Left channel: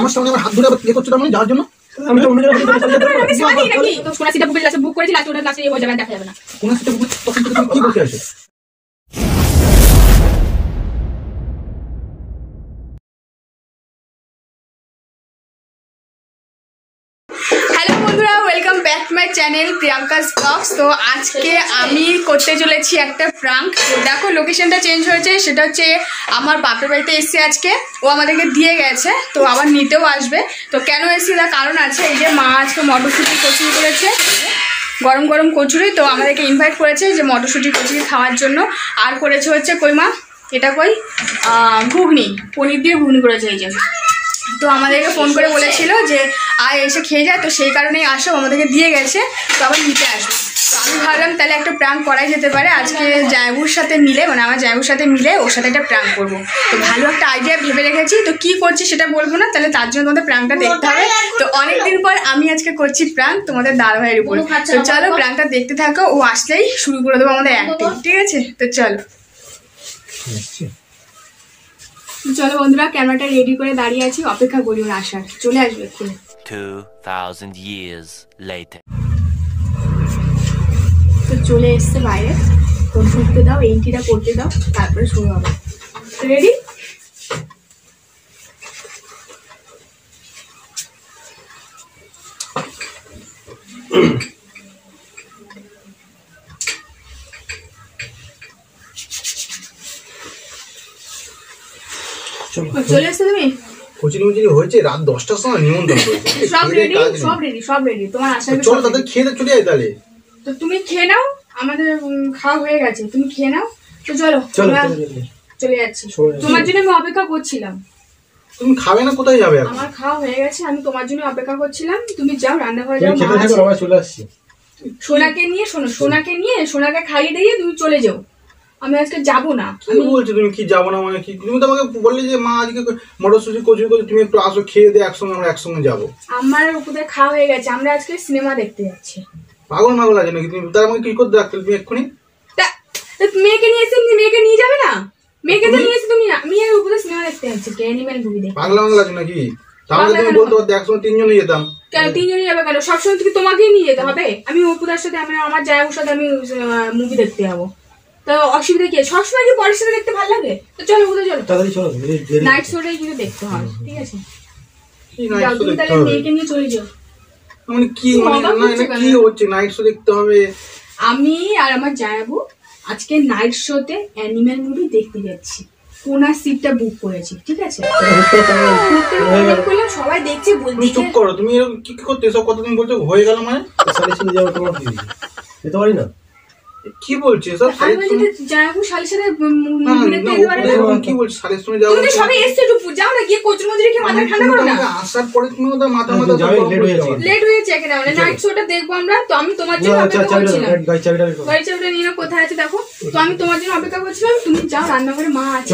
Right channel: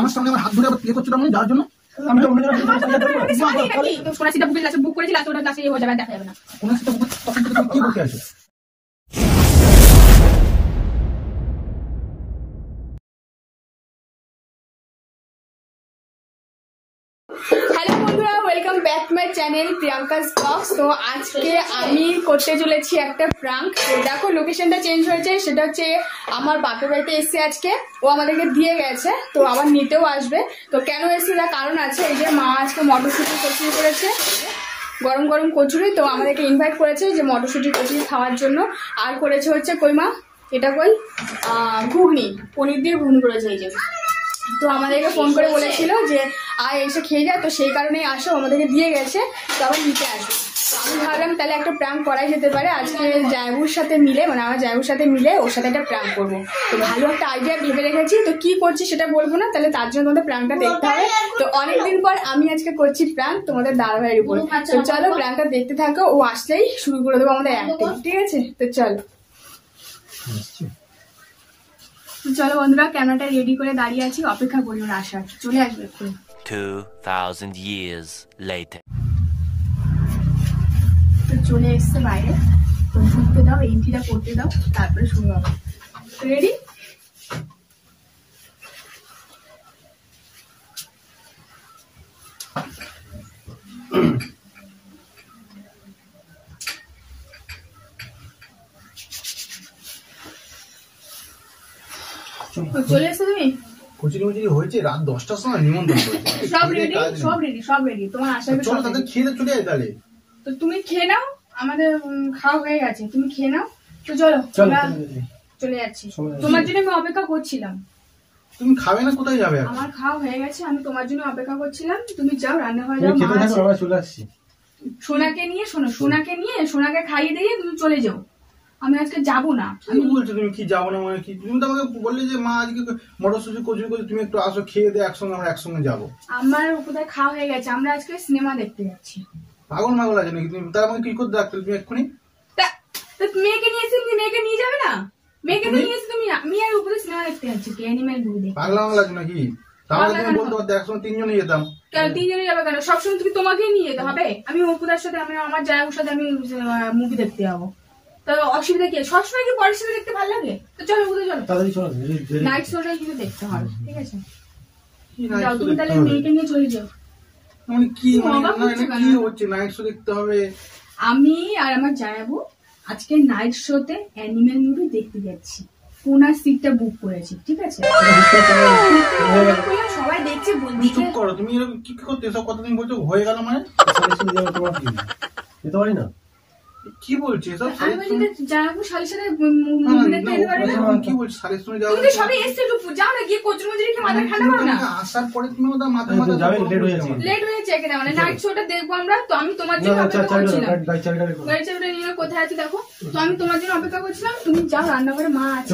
আমার সামনে আমার হাত ধরে আবার করছো তার মানে যাওয়ার জন্য আমি তো অন্য জায়গায় সোনা সিটা বুক করেছি লাস্ট ওটা লাস্টে হয়ে যাবে দেখা যাবে না কোন সিটা বুক কি করতে আসে welcome back to my channel Priyanka's blogs. তো আজকে আমি করতে চলেছি একটা প্রাঙ্ক। দেখো লোকেশনটা চেঞ্জ হয়েছে, সেটা হচ্ছে আমার বাপের বাড়িতে এসেছি আজকে। ও আমাদেরকে দিয়ে গেছে, তো আবার নিতেও আসবে। তো কেন এসেছি তার কারণ আছে। এই যে মা আজকে মটরশুঁটি কচুরি করেছে, গরম গরম কচুরি। তো আমাদেরকে ইনভাইট করেছে যে মটরশুঁটি কচুরি খাওয়ার জন্য। আর করেছে হচ্ছে কই মা এটা কই ঘুগনি, পনির দিয়ে ঘুগনি করেছে এই যে। তো আমাদেরকে ফোন করে বলেছিল যে আয় এসে খেয়ে যায়, তো সেই কারণেই আসো, আমাদেরকে দিয়ে গেছে, তো আবার নিতে আসো। তো আমি ভাবলাম তাহলে একটা প্রাঙ্ক করাই যেতে পারে আজকে জায়বুর সাথে মিলে, মানে আমার জায়বুর সাথে মিলে ওর সাথে একটা প্রাঙ্ক করবো। তো ভালো একটা আইডিয়া ভেবে রেখেছি। তো কি করছি সেটা বলবো না, তাহলে তার জন্য তোমাদের প্রাঙ্কটা দেখতে হবে। তো অনেকদিন পর আমি আজকে করছি প্রাঙ্ক তোমাদের দাদা ভাইয়ের উপর। তো চলো প্রাঙ্কটা দেখতে থাকো, ও আসলেই শুরু করে দেবো আমাদের অ্যাক্টিং, ঠিক আছে? তো চলো চলো বন্ধুরা, ক্যামেরাটা রেডি করে দাঁড়িয়ে আছি, অপেক্ষা করি ওর আসার। চলে আসবে এক্ষুনি। 2000 years later. তো চলে এসছে বাইরে, তো ঢুকতে দাও, এন্ট্রিটা করতে দাও, তারপরে শুরু হবে। রেডি? চলে এসছো তুমি? কচুরি মুচুরি হয়েছে রাত 10টার সময় নিমন্ত্রণ করেছে। সব রেডি, সব রেডি, সব রেডি। তোমার আসার চলো তাদের খেয়ে চলে যাই তাহলে। তো তুমি খেয়ে নাও, আমাদের খাওয়া হয়ে গেছে, তুমি খেয়ে নাও। তো চলো চলে যাচ্ছি, তোমার জন্য আমি অপেক্ষা করছিলাম। তুমি খাবে না? কোথায় যাবে? আমার খাওয়া হয়ে গেছে, আমি তোমার জন্য অপেক্ষা করছিলাম। তুমি যাও রান্নাঘরে যাও, চলে আসছি। সোনাকে নিয়ে, শোনো, সোনাকে নিয়ে সোনাকে খাইয়ে দিয়ে তুমি চলে যাও। আমি আজকে যাবো না। আমি বলছি তুমি কি যাবো না মানে কি? তুমি তো আমাকে বললে যে মা আজকে মটরশুঁটি কচুরি করে তুমি একটু আসো, খেয়ে দিয়ে একসঙ্গে আমরা একসঙ্গে যাবো। আমার কোথায় খাওয়া হয়ে গেছে, আমরা আজকে সিনেমা দেখতে যাচ্ছি। পাগল মাগল আছে নাকি তুমি? তার আমাকে কি করতে রাখতে তুমি এক্ষুনি? মেয়েকে নিয়ে এসে মেয়েকে নিয়ে যাবে না? মেয়েকে তো নিয়ে এসে তুমি, আমি আর উপরে সিনেমা দেখতে যাচ্ছি, অ্যানিমেল মুভি দেখতে। পাগলা মাগল আছে নাকি? তাহলে তুমি বলতে পারতে একসঙ্গে তিনজনে যেতাম। কেন তিনজনে যাবে কেন? সবসময় তুমি তোমাকেই নিয়ে যেতে হবে? আমি অপুদার সাথে, আমার জায়গার সাথে আমি মুভি দেখতে যাবো, তো অসুবিধা কি? সবসময় কি পরের সাথে দেখতে ভালো লাগে? তো চলো ওদের চলো, তাড়াতাড়ি চলো, নাইট শোটাই কিন্তু দেখতে হবে, ঠিক আছে? তুমি তাহলে মেয়েকে নিয়ে চলে যাও। মানে কি কি হচ্ছে? নাইট শো দেখতে হবে? আমি আর আমার জায়াবু আজকে নাইট শোতে অ্যানিমেল মুভি দেখতে যাচ্ছি। কোনা সিটটা বুক করেছি, ঠিক আছে? সবাই দেখছে, তুমি চুপ করো। তুমি এরকম কি করতে এসব কথা তুমি বলছো? হয়ে গেল মানে যেতে পারি না? কি বলছিস এসব? জায়াবু শালের সাথে কি বলছিস? শালের সঙ্গে যাবো? তুমি সবাই এসছে, একটু যাও না, গিয়ে কচুর মজুরি খেয়ে মাথা ঠান্ডা করো না। আসার পরে তুমি ওদের মাথা লেট হয়েছে এখানে, মানে নাইট শোটা দেখবো আমরা। তো আমি তোমার জন্য অপেক্ষা করছিলাম। গাড়ি চাবিটা নিয়ে কোথায় আছে দেখো। তো আমি তোমার জন্য অপেক্ষা করছিলাম, তুমি যাও রান্নাঘরে, মা আছে,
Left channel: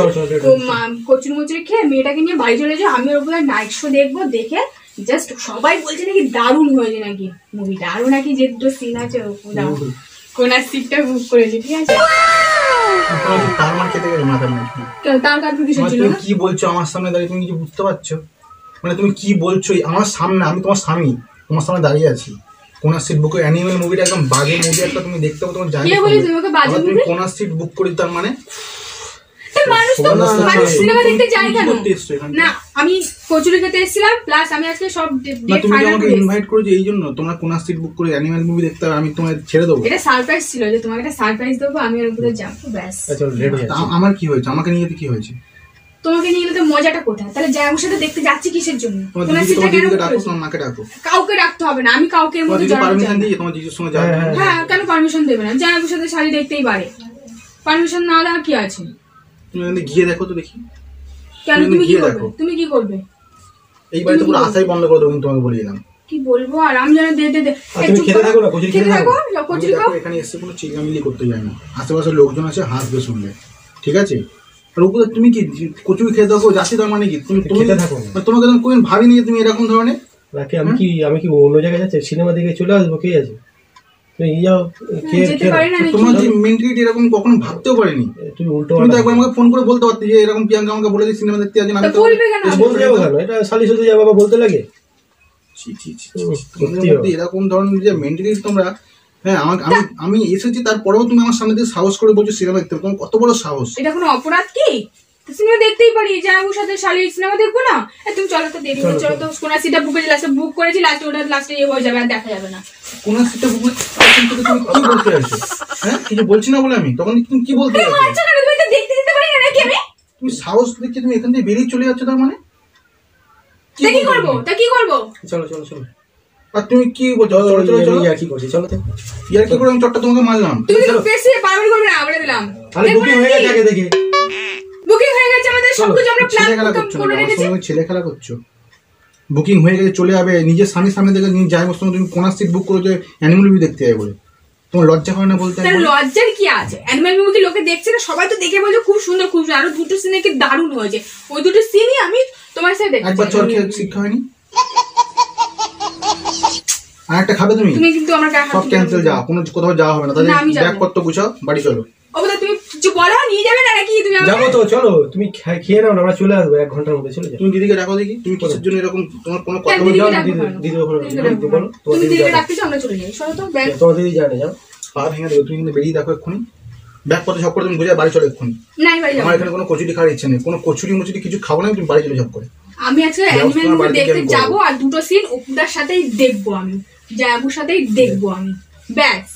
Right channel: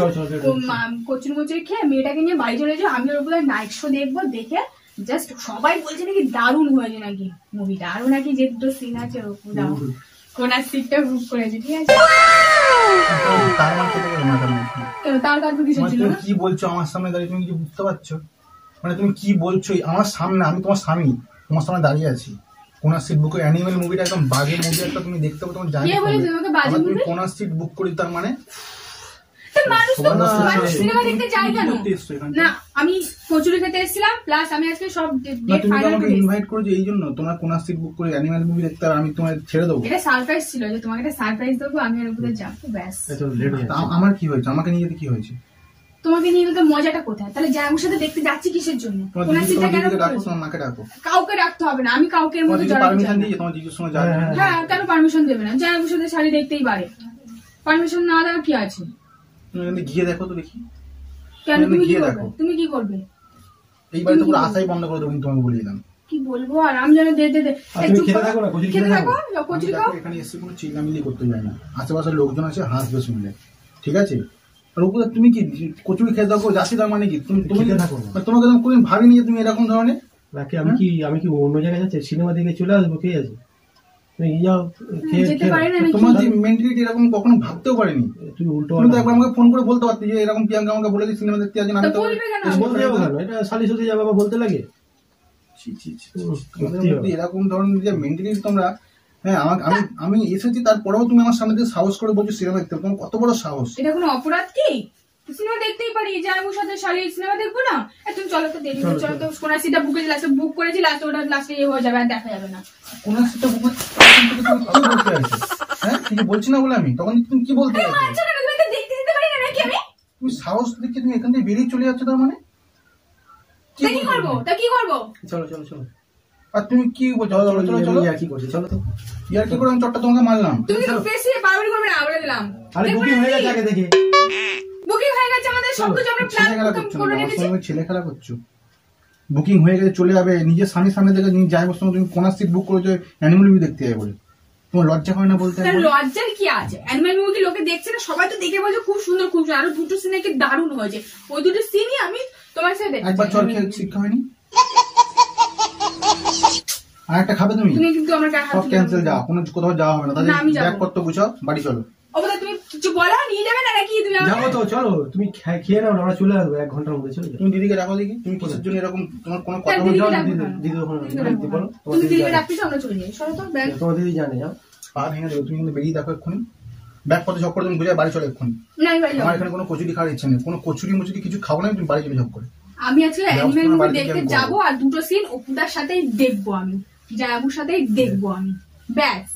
কচুর মজুরি খেয়ে মেয়েটাকে নিয়ে বাড়ি চলে যাও। আমি ওর উপরে নাইট শো দেখবো, দেখে জাস্ট সবাই বলছে নাকি দারুণ হয়েছে, নাকি মুভিটা আরো নাকি যে দুটো সিন আছে কোনার সিটটা বুক করেছি, ঠিক আছে? কি বলছো আমার সামনে দাঁড়িয়ে? তুমি কিছু বুঝতে পারছো? মানে তুমি কি বলছো আমার সামনে? আমি তোমার স্বামী, তোমার সামনে দাঁড়িয়ে আছি। কোনার সিট বুক, অ্যানিমেল মুভিটা একদম বাজে মুভি একটা, তুমি দেখতে পাবো, তোমার জানি তুমি কোনার সিট বুক করি, তার মানে মানুষ সিনেমা দেখতে যায় কেন? না, আমি কচুরি খেতে এসেছিলাম, প্লাস আমি আজকে সব ডেট ফাইনাল করে ইনভাইট করেছি এই জন্য তোমরা কোন সিট বুক করে অ্যানিমেল মুভি দেখতে, আর আমি তোমায় ছেড়ে দেবো? এটা সারপ্রাইজ ছিল যে তোমাকে একটা সারপ্রাইজ দেবো, আমি এর উপরে যাব, ব্যাস। আমার কি হয়েছে? আমাকে নিয়ে কি হয়েছে? তোমাকে নিয়ে গেলে তো মজাটা কোথায়? তাহলে জায়গার সাথে দেখতে যাচ্ছি কিসের জন্য? কোন সিটটা কেন ডাকো? তোমার মাকে ডাকো। কাউকে রাখতে হবে না, আমি কাউকে এর মধ্যে জড়াতে চাই না। তোমার জিজুর সঙ্গে যাবে? হ্যাঁ, কেন পারমিশন দেবে না? জায়গার সাথে শাড়ি দেখতেই পারে, পারমিশন না দেওয়া কি আছে? তুমি গিয়ে দেখো তো দেখি। কেন তুমি কি করবে? তুমি কি করবে? এই বাড়িতে পুরো আশাই বন্ধ করে দেবো, কিন্তু তোমাকে বলে দিলাম। কি বলবো আর? আমি জানি দে তুমি খেতে থাকো না, কচুরি খেতে থাকো। কচুরি খাও। এখানে এসে কোনো চিল্লামিল্লি করতে যায় না, আশেপাশের লোকজন আছে, হাসবে শুনলে, ঠিক আছে? আর ওপরে তুমি কি কচুরি খেতে থাকো যাচ্ছি, তার মানে কি তুমি খেতে থাকো? তোমাকে তো কোনদিন ভাবিনি যে তুমি এরকম ধরনের। আমি কি অন্য জায়গায় যাচ্ছি? সিনেমা দেখে চলে আসবো, কে আছে? যেতে পারি না নাকি? তোমার যে মেন্টালিটি এরকম কখনো ভাবতেও পারিনি। তুমি উল্টো তুমি তো একবার আমাকে ফোন করে বলতে পারতে যে এরকম প্রিয়াঙ্কা আমাকে বলে যে সিনেমা দেখতে যাচ্ছেন, আমি তো বলবে কেন? বলতে যাবো কেন? এটা শালি সাথে যাবো বাবা বলতে লাগে? তোমাদের মধ্যে এরকম ধরনের যে মেন্টালিটি তোমরা, হ্যাঁ আমি এসেছি তারপরেও তুমি আমার সামনে দিয়ে সাহস করে বলছো সিনেমা দেখতে, তোমার কত বড় সাহস? এটা কোনো অপরাধ কি? সিনেমা দেখতেই পারি, জামাইবাবুর সাথে শালির সিনেমা দেখবো না? তুমি চলো তো, দেরি হয়ে চলো তো। কোন সিটটা বুক করেছি, লাস্টে ওটা লাস্টে হয়ে যাবে, আর দেখা যাবে না। কোন সিটটা বুক তুমি কি বলতে চাইছো? হ্যাঁ কিছু বলছি না বলে আমি, তখন তুমি কি বলতে চাইছো? আচ্ছা না, তুমি দেখতে দিতে পারি না নাকি আমি? তুমি সাহস দেখে তুমি এখান থেকে বেরিয়ে চলে যাচ্ছ, তার মানে তা কি করবো? চলো চলো চলো। আর তুমি কি বলছো? ইয়ার কি করছি? চলো তো। ইয়ার কি করে আমি চটটা তোমাকে মারলাম? তুমি তো বেশি বারবার করবে না, বলে দিলাম। আরে বুকিং হয়ে গেছে আগে থেকে। বুকিং হয়ে গেছে আমাদের, সব কিছু আমরা ছেলে খেলা প্ল্যান করছো করে না, আমার রেখেছি। সঙ্গে ছেলে খেলা করছো। বুকিং হয়ে গেছে চলে যাবে, নিজের স্বামীর সামনে থেকে নিয়ে যায় সঙ্গে তুমি কোন সিট বুক করেছো অ্যানিমাল মুভি দেখতে যাবে বলে? তোমার লজ্জা হয় না বলতে? তার লজ্জার কি আছে? অ্যানিমাল মুভি লোকে দেখছে না, সবাই তো দেখে বলছে খুব সুন্দর খুব সুন্দর, আরো দুটো সিন নাকি দারুণ হয়েছে। ওই দুটো সিনই আমি তোমার সাথে দেখছি। একবার চর খেয়ে শিক্ষা হয়নি? আর একটা খাবে তুমি? তুমি কিন্তু আমার গায়ে হাত সব ক্যান্সেল, যা কোনো কোথাও যাওয়া হবে না। তাহলে না, আমি যাবো। ব্যাগপত্র গুছাও, বাড়ি চলো। ওটা তুমি কিছু বলো, নিয়ে যাবে না নাকি তুমি? যাবো তো, চলো তুমি খেয়ে নাও, আমরা চলে আসবো 1 ঘন্টার মধ্যে। চলে যাও। তুমি দিদিকে ডাকো দেখি, তুমি কিসের জন্য এরকম, তোমার কোনো কথা দিদিকে বলছো? ডাকো। দিদি ওখানে দিদি বলো। তোমার তুমি দিদি দিদিকে জানে। ডাকতে চাও, আমরা চলে যাই। সরো তো ব্যাগ। তোমার দিদি জানে, যাও। পা ভেঙে দেবে, তুমি কিন্তু বেরিয়ে দেখো এক্ষুনি। ব্যাগপত্র সব করে তুমি গুছিয়ে বাড়ি চলো এক্ষুনি। নাই বাড়ি যাও। আমার এখানে কোনো কচুরি খাওয়ার ইচ্ছে নেই, কোনো কচুরি মুচুরি কিছু খাবো না, তুমি বাড়ি চলে সব করে। আমি আজকে অ্যানিমেল মুভি বাড়িতে দেখতে গিয়ে আমি যাবো, আর দুটো সিন অপুদার সাথেই দেখবো, আমি জায়াবুর সাথেই দেখবো আমি। ব্যাস,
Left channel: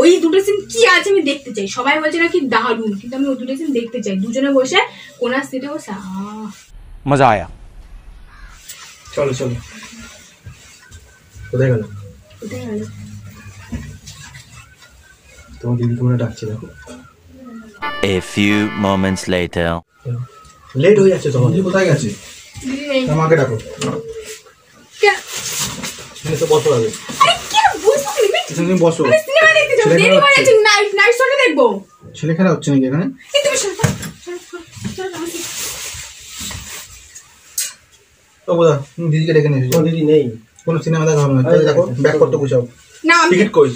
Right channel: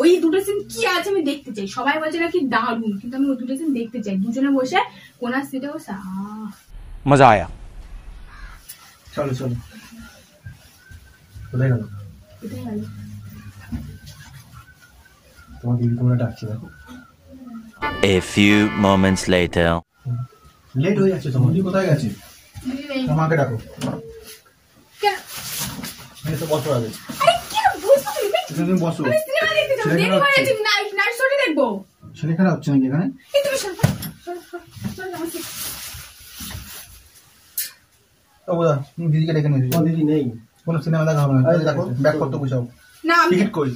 ওই দুটো সিন কি আছে আমি দেখতে চাই। সবাই বলছে নাকি দারুণ, কিন্তু আমি ওই দুটো সিন দেখতে চাই, দুজনে বসে কোনার সিটে বসে। मजा आया। চলো চলো। কোথায় গেল? কোথায় গেল? তোমার দিদি তোমরা ডাকছে, দেখো। A few moments later. Late হয়ে যাচ্ছে তোমার। দিদি কোথায় গেছে? দিদি নেই। আমাকে ডাকো। কে- এখানে তো বসো আগে, আরে কি বুঝতে তুমি? এখানে তুমি বসো। আমি সিনেমা দেখতে যাবো, ছেলে দেরি খেলা হয়ে হচ্ছে। যাচ্ছে, নাইট শোটা দেখবো। ছেলে খেলা হচ্ছে নাকি এখানে? এই তুমি সরো, সরো, সরো, সরো, আমাকে। ও বোধা, তুমি দিদিকে ডেকে নিয়ে এসেছো। তোমার দিদি নেই। কোনো সিনেমা দেখা হবে না, তাহলে দেখো ব্যাগপত্র গুছাও। না, আমি টিকিট কই?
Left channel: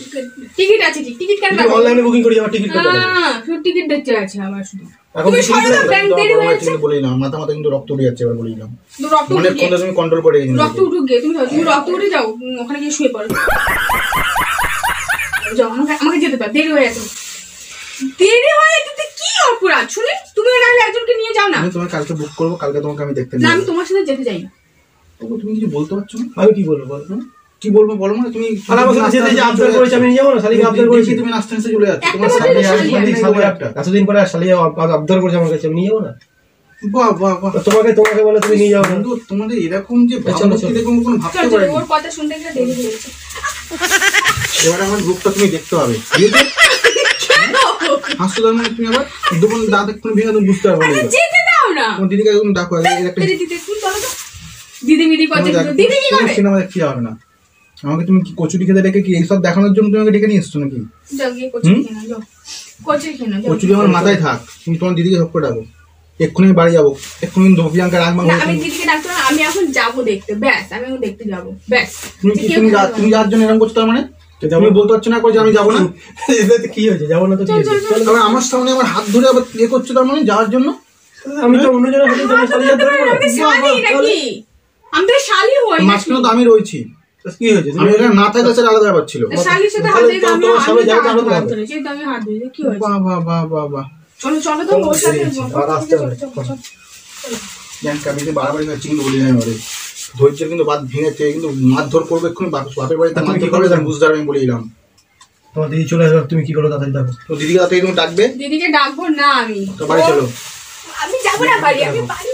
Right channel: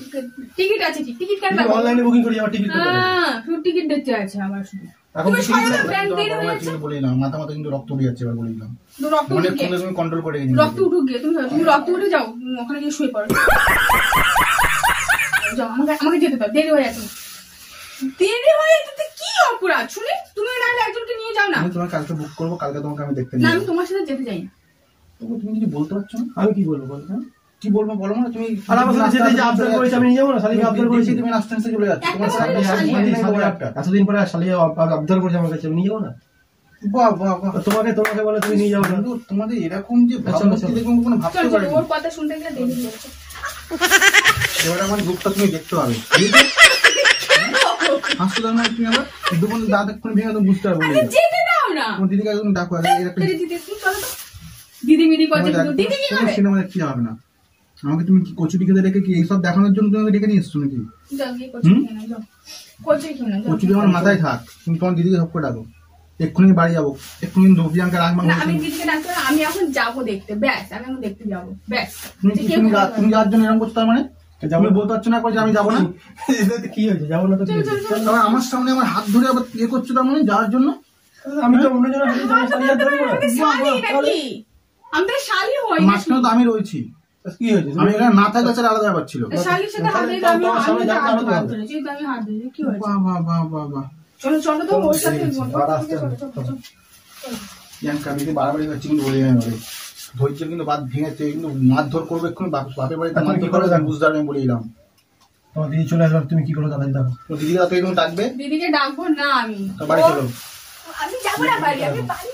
টিকিট আছে, টিকিট কেন দেবো? অনলাইনে বুকিং করি, আমার টিকিট করতে হবে। শুধু টিকিট দেখতে আছে আমার শুধু। এখন তুমি booking সরো না, করতে ব্যাংক দেরি হয়ে যাচ্ছে। কিন্তু বলিলাম, মাথা মাথা কিন্তু রক্ত উঠে যাচ্ছে, এবার বলিলাম। তো রক্ত অনেক উঠে কোনটা তুমি কন্ট্রোল করে রেখেছো। রক্ত উঠুক গিয়ে, তুমি রক্ত উঠে যাও, ওখানে গিয়ে শুয়ে পড়ো। যাও, আমাকে যেতে দাও, দেরি হয়ে যাচ্ছে। দেরি হয়ে যেতে কি অপরাধ শুনে? তুমি নাহলে একজনকে নিয়ে যাও না। আমি তোমাকে কালকে বুক করবো, কালকে তোমাকে আমি দেখতে না, নিয়ে আমি যাবো। তোমার সাথে যেতে চাই না। তবু তুমি কিছু বলতে পারছো না? আমি কি বলবো বল? কি বলবো বলো, মানে তুমি আর আমার সাথে যেতে যে আবদার করেছে আমি নিয়ে যাবো না, শালিকে আবদার করেছি। তুমি নাচতে নাচতে চলে যাচ্ছ, একটা তোমার বছর সামনে শালি আর আছে। শালি একটা। এতদিন পরে শালিকে আবদার করেছে আমার কাছে, আমি নিয়ে যাবো না? বাহ বাহ বাহ, তোমাকে বলে তুমি নিয়ে যাবো না? বন্ধু, তোমাদের এরকম যে চলো, ভাবনা চলো। দেখুন কোনো ভাবতে চল চল, পারিনি। ওর কথা শুনতে গেলে দেরি হয়ে যাচ্ছে। এবারে আমার রূপটা তুমি দেখতে পাবে। হাসতে দাও না তুমি, আবার দুপুর দাঁত এক্ষুনি ভেঙে তুমি বুঝতে পারবে না। আরে যেতে দাও না। তোমার দিদিকে একদম ডাকো, একটা দিদি তুমি চলো তো। দিদি মিদি করছে, দিদি কি করে? সিনেমা দেখতে হবে না। আমাকে তুমি কি কচুরি খেতে ডেকে কি এইসব দেখানোর জন্য তুমি আমাকে ডেকে নিয়ে এসছো নাকি? যাও গিয়ে কচুরি খেয়ে নাও, যাও। কচুরি খেয়ে নাও, যাও। কচুরি আমার মাথায় থাক, তুমি তোমার দিদিকে সব করে ডাকো। এক্ষুনি বাড়ি যাবো, এক্ষুনি প্রিয়াঙ্কা রাগমা না, আমি দিদিকে ডাকতে হবে না, আমি এখন যাবো দেখতে, ব্যাস আমি এখন দেখতে যাবো, ব্যাস। তুমি যার জন্য এরকম করছো, তার মানে তুমি বলতে পারছো না যে আমি যাবো না? এতে কি হয়েছে? যাবো না তো কি হয়েছে? চলো। তবে আমার সামনে আমার হাত ধরে আবার ইয়ে করছো, তার মানে যাওয়ার জন্য? আমি তো অন্যজনের হাতে তোমার শালি যেতে পারবো না? আমি শালি নাকি? আমি তো শালি হই নাকি? মাঝখানে তো আমি রয়েছি, কি হয়েছে? আমি এখানে না থাকলে সেটা আলাদা ব্যাপার ছিল। শালির সাথে হাত ধরে আমি তোমার সামনে যাবো, আরো তো হাত হাত ধরেছি, তো আমি হাত ধরেছি, কি হয়েছে? বাহ বাহ বাহ বাহ বাহ, চলো চলো তো, ওর সাথে আর আসতে হবে। প্রিয়াঙ্কা বেশি বাড়াবাড়ি করছি কিন্তু বলি না এবারে। ধৈর্য কিন্তু বাদ ভেঙেছে, কিন্তু মারধর করবে এক্ষুনি, বাপের বাড়িতে তুমি কি মারধর করবে করবে, জানো? বুঝতে পারবে আমি বলে দিলাম। তোমার দিদি চলে আসবে, তুমি কি করো তাড়াতাড়ি দেখো। তো দিদিকে তাড়াতাড়ি তুমি ডাকবে, দিদিকে ডাকবো না আমি। তো বাড়ি চলো। আমি যাবো না বাড়ি, আমি বাড়ি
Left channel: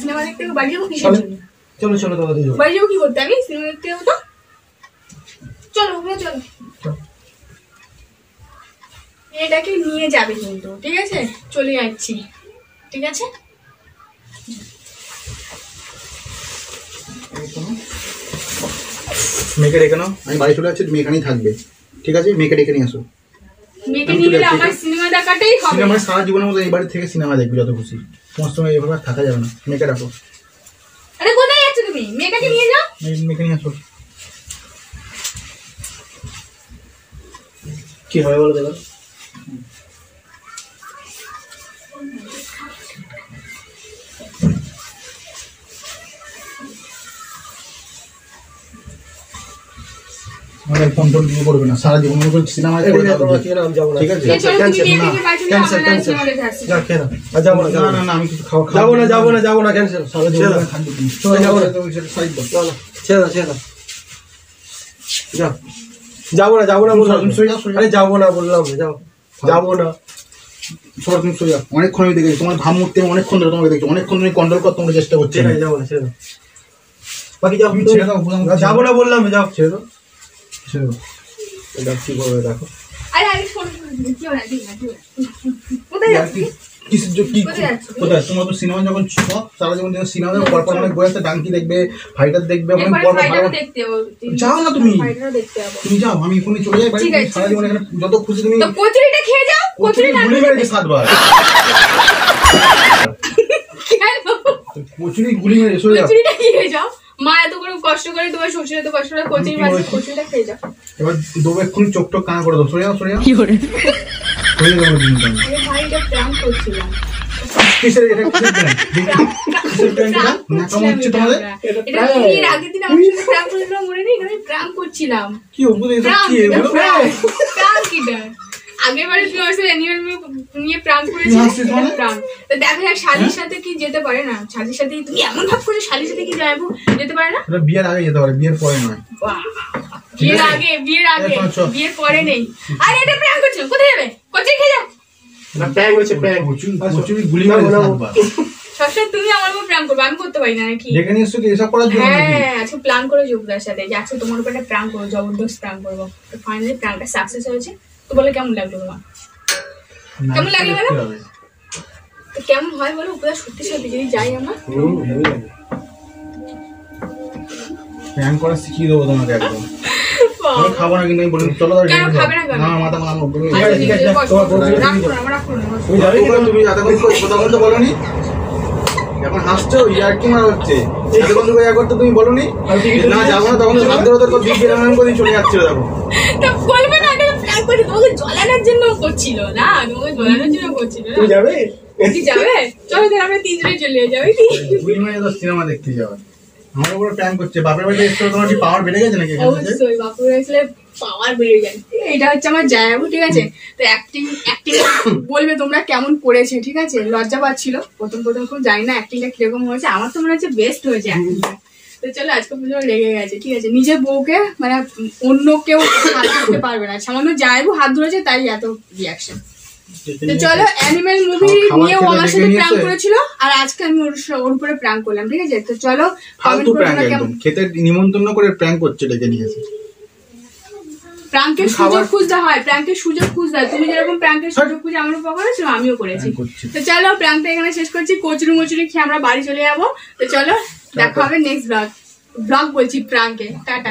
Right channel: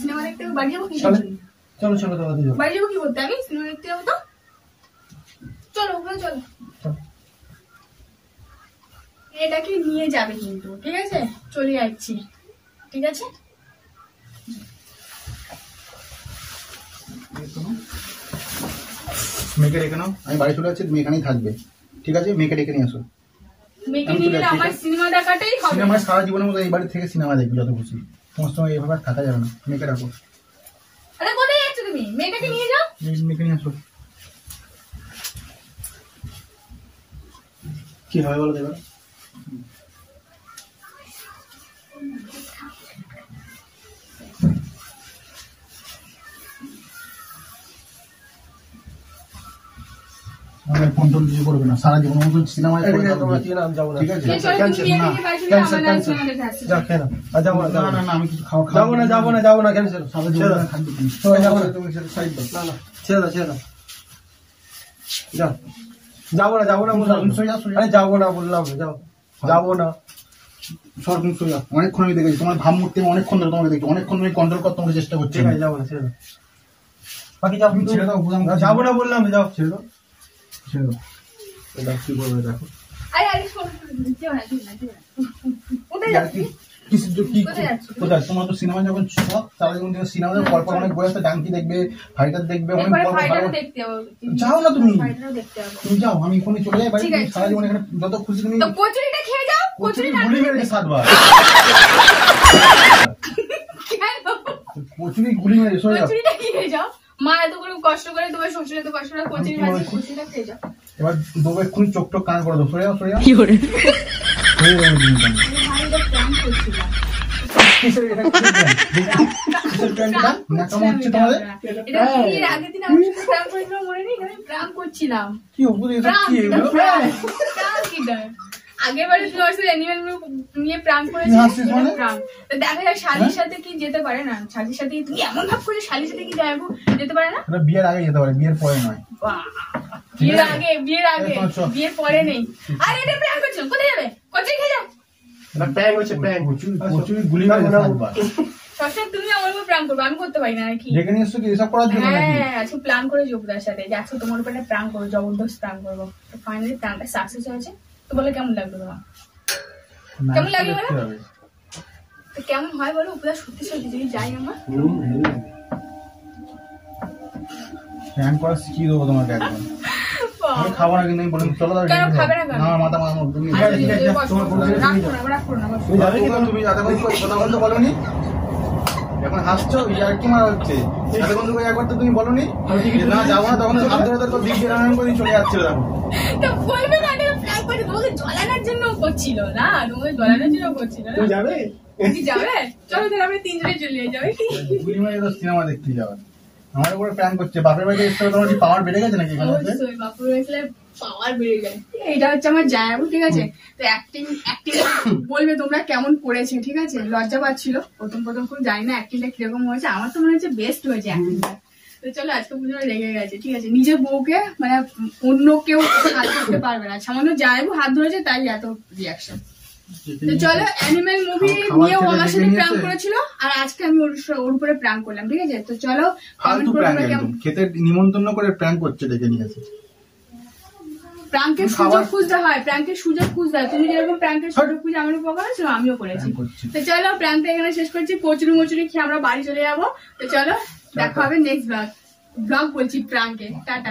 সিনেমা দেখতে বাড়ি যাবো কি চলো চলো চলো তোমার দিদি বাড়ি যাবো কি করতে? আমি সিনেমা দেখতে যাবো তো। চলো ওগুলো চলো, এটাকে নিয়ে যাবে কিন্তু, ঠিক আছে? চলে যাচ্ছি, ঠিক আছে? মেয়েকে ডেকে নাও, আমি বাড়ি চলে যাচ্ছি, তুমি এখানেই থাকবে, ঠিক আছে? মেয়েকে ডেকে নিয়ে আসো। মেয়েকে নিয়ে গেলে আমার সিনেমা দেখাটাই হবে। সিনেমা সারা জীবনের মতো এই বাড়ি থেকে সিনেমা দেখবি যত খুশি, তোমার সঙ্গে এভাবে আর থাকা যাবে না। মেয়েকে রাখো। আরে কোথায় যাচ্ছ তুমি? মেয়েটাকে নিয়ে যাও। মেয়েকে নিয়ে আসো। কি হবে বলো দেখো। আমাদের ফোন টোন কিছু করবে না, সারা জীবন মতো সিনেমা আমি যাবো না। ঠিক আছে? এই চলো, তুমি মেয়েটাকে বাড়ি চলে যাও, Cancel, আমরা cancel. সিনেমা দেখে আসছি। যা খেয়ে নাও। আর যাবো না, না না না, আমি কিছু খাওয়া যাবো না ক্যান্সেল। সারা জীবন খাদ্য কিনি। চলো, যাবো না। সাইড দাও। ছেড়ে দাও যাও। যাবো না বললাম। তুমি সরে যাও, সরে যাও। আরে যাবো না বললাম, যাও। যাবো না। সর, তুমি সরে যাও। অনেকক্ষণ আমি দেখেছি তোমার ভাবমূর্তি, আমি অনেকক্ষণ ধরে তোমাকে দেখছি, অনেকক্ষণ তুমি কন্ট্রোল করতে তোমাকে চেষ্টা করছি। ঠিক আছে, যাবো না, ছেড়ে দাও। বাকি যাও, তুমি ছেড়ে দাও, বুঝলাম। যাবো না বললাম, যাও। ছেড়ে দাও। ছেড়ে দাও। এটা কি করবে দেখো। আরে আরে শোন, যেও না, যেও না, যেও না। কোথায় যাচ্ছ? কোথায় তোমার তো সিনেমা যখন ছিল সারা জীবন সিনেমা পরপর অনেক বই আছে, ডাঙ্কি দেখবে, ফাইটার দেখবে, অনেক এরপরে পর ফাইটারও দেখতে যাবো। যাও না তুমি। ফাইটারও দেখতে যাবো। তুমি যাও, আমি এখনই চলে যাই বাড়ি। ঠিক আছে, সারা জীবন এখানে যত খুশি তুমি তো কচুরিটা খেয়ে যাও। কচুরি না গুলি মেরেছে 7 বার। কেন? কচুরি গুলি মেরে সরে যাও। কচুরিটা খেয়ে যাও। মা এত করে কষ্ট করে, তোমার শ্বশুর এত কষ্ট করে কচুরি বানিয়ে, কচুরিটা খেয়ে যাও। এবার দেবো এক্ষুনি চোখ টোক কানা করে দেবো। সরে যাও, সরে যাও। কি করে? সরে যাও, আমি ভাইটা প্র্যাঙ্ক করছিলাম। কিসের এটা কিসের প্ল্যান এটা? নাকাম হচ্ছে তোমাদের? এটা তুমি এর আগের দিন আমার সাথে প্র্যাঙ্ক করেছিল, মনে নেই? এখানে প্র্যাঙ্ক করছিলাম। কি অদ্ভুত এসব কি এগুলো? প্র্যাঙ্ক এটা। আগের বারে তুমি আমার সাথে অ্যানিমাল নিয়ে প্র্যাঙ্ক তুমি করেছিলে, হাসছিস এটা মানে? প্র্যাঙ্ক। তো দেখা যায় শালির সাথে কি যেতে পারে না? শালির সাথে তুমি এমন ভাব করে শালির সাথে কি যাবো, যেতে পারে না? এটা বিয়ের আগে যেতে পারে, বিয়ের পরে নয়। বাহ! বিয়ের আগে, বিয়ের আগে, এখন চল। বিয়ের পরে নেই। আরে এটা প্র্যাঙ্ক করছো, কোথায় যাবে? কচুরি খেয়ে যাও। এটা প্র্যাঙ্ক হচ্ছে, প্র্যাঙ্ক। কচুরি গুলি মেরে 7 বার। সবসময় তুমি আমার উপর প্র্যাঙ্ক করবে, আমি করতে পারি না নাকি? ডেকে নিয়ে এসছো কি এসব করার জন্য নাকি? হ্যাঁ, আজকে প্ল্যান করে যোগদার সাথে যে আজকে তোমার উপর একটা প্র্যাঙ্ক করবো, জবরদস্ত প্র্যাঙ্ক করবো। তো ফাইনালি প্র্যাঙ্কটা সাকসেস হয়েছে। তো বলে কেমন লাগলো তোমার? কেমন লাগলো দেখতে বলো? হবে। তো কেমন হয় বলো? উপরে সত্যি সত্যি যদি যাই আমরা? হেভি লাগে। প্ল্যান করা শিখিয়ে দেবো তোমাকে একদম। আমি খাবো না, কিন্তু আমি বলি চলো তাহলে কেন ডেকে খাবে না কেন? না, মাথা আমার উপরে। আচ্ছা, ঠিক আছে, নিজে বসো, তোমার বউ বসো। তুমি রাখো যাও। না, রাখো না, বসো। তুমি যাবে কি না? তুমি এতক্ষণ কথা বলতে বলোনি? এখন হাসছো, ইয়ার কি মারা হচ্ছে? এতক্ষণ তুমি ইয়া করতে তুমি বলোনি? না যাবো না, তখন হাত ধরে ধরে দিক দিয়ে রান্না করে চলে যাচ্ছিল দেখো। তা বলবে না, এটা প্র্যাঙ্ক করে তোমাকে জ্বলানোর জন্য করছিল না, তোমাকে জ্বলানোর জন্য করছিল না। তুমি যাবে? কি যাবে? চলো তাহলে আমরা তিনজনে চলে যাবে কি? দুই মিনিট তো সিনেমা দেখতে যাবে। আমার উপরে প্ল্যান করছে। বাপের বাড়িতে এসে তোমার কি পাওয়ার বেড়ে গেছে নাকি এখানে এসে? অবশ্যই বাপুর আসলে পাওয়ার বেড়ে যায়। এটা হচ্ছে আমার জায়াবু, ঠিক আছে? তো অ্যাক্টিং বলবে তোমরা কেমন করেছে, ঠিক আছে? লজ্জা পাচ্ছিল প্রথম খুব, জানি না অ্যাক্টিংটা কিরকম হয়েছে। আমার তো মনে হচ্ছে বেস্ট হয়েছে অ্যাক্টিংটা। তো চলো আজকে পুজো লেগে গেছে, ঠিক আছে? নিজের বউকে মানে অন্য কেউ হাত ধরতে পারবে না, সামান্য জায়াবু হাত ধরেছে তাই এত রিয়াকশন। তো চলো, অ্যানিমেল মুভি নিয়েও আমার সাথে প্র্যাঙ্ক করেছিল, আর আজকে আমি ওর উপরে প্র্যাঙ্ক করলাম, ঠিক আছে? তো চলো, ফালতু প্র্যাঙ্ক একদম। খেতে নিমন্ত্রণ করে প্র্যাঙ্ক করছে, ডেকে নিয়ে আসে। প্র্যাঙ্কের সুযোগ খুঁজতে হয়, প্র্যাঙ্কের সুযোগ খুঁজতে হয়। তুমি যেরকম প্র্যাঙ্কের সুযোগ খুঁজে আমার উপর করেছো, আমিও করেছি। প্র্যাঙ্ক করছি। তো চলো, প্র্যাঙ্কটা এখানে শেষ করছি। কচুরি মচুরি খেয়ে আমরা বাড়ি চলে যাবো। তো চলো, দেখা হবে নেক্সট ব্লগ বলছি প্র্যাঙ্কে। টাটা।